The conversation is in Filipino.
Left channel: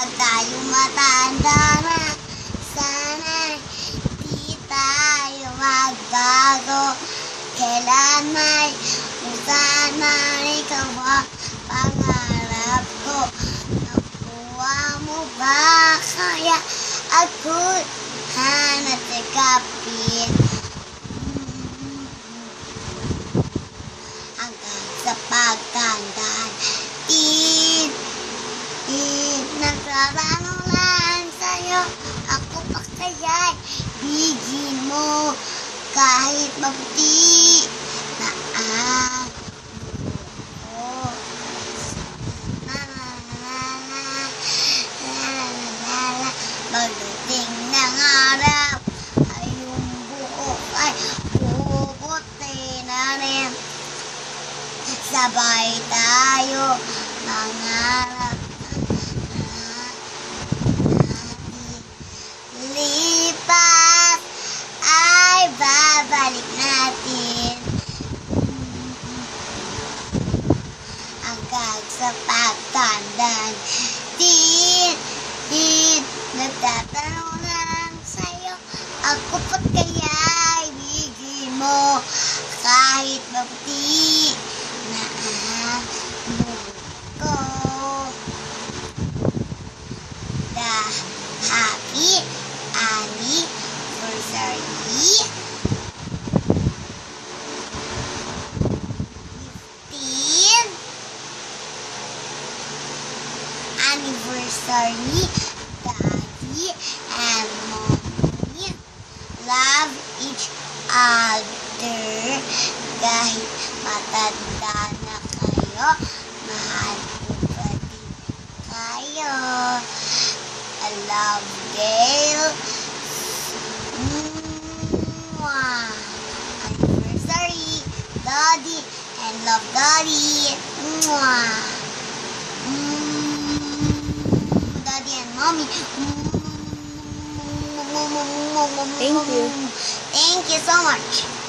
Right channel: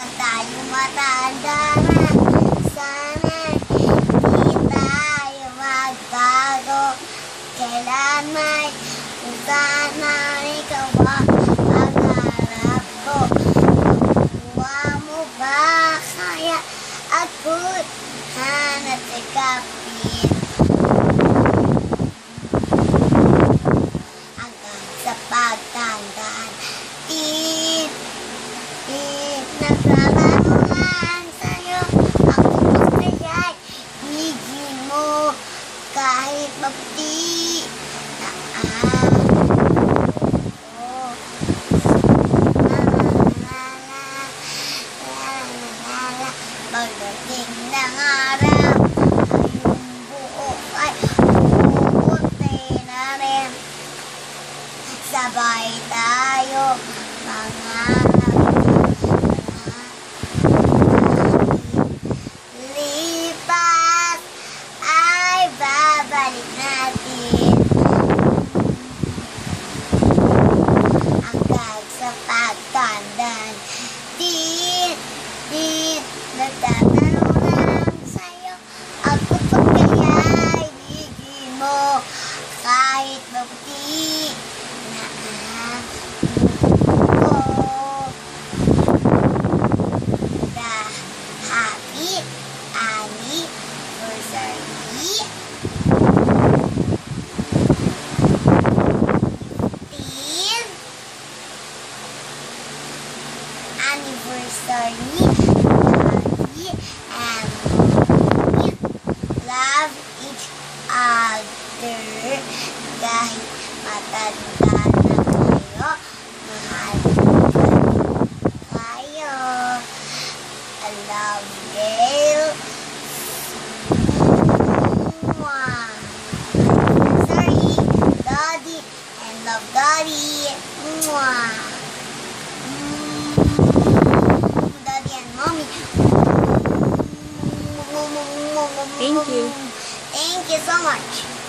Pag tayo matanda na, sana'y di tayo magbago. Kailan'y kung sana ikaw ang pangarap ko. Makuha mo ba kaya ako'y hanap sa kapit? Hanggang sa pagtandaan, nagtatanong lang sa'yo, ako pa kaya'y bigyan mo kahit maputi na ako. Pagdating ng araw ay yung buhok ay puputi na rin. Sabay tayo mangarap na lipas ay babalik natin hanggang sa pagtandaan. Nagtatanong na lang sa'yo, ako pa kaya'y bigyan mo kahit maputi na ang ko. The happy anniversary. 15th anniversary. Daddy and Mommy love each other kahit matanda na kayo, mahal pa rin kayo. I love Gail. Mwah. Anniversary, Daddy, and love Daddy. Mwah. Daddy and Mommy. Thank you. Thank you so much.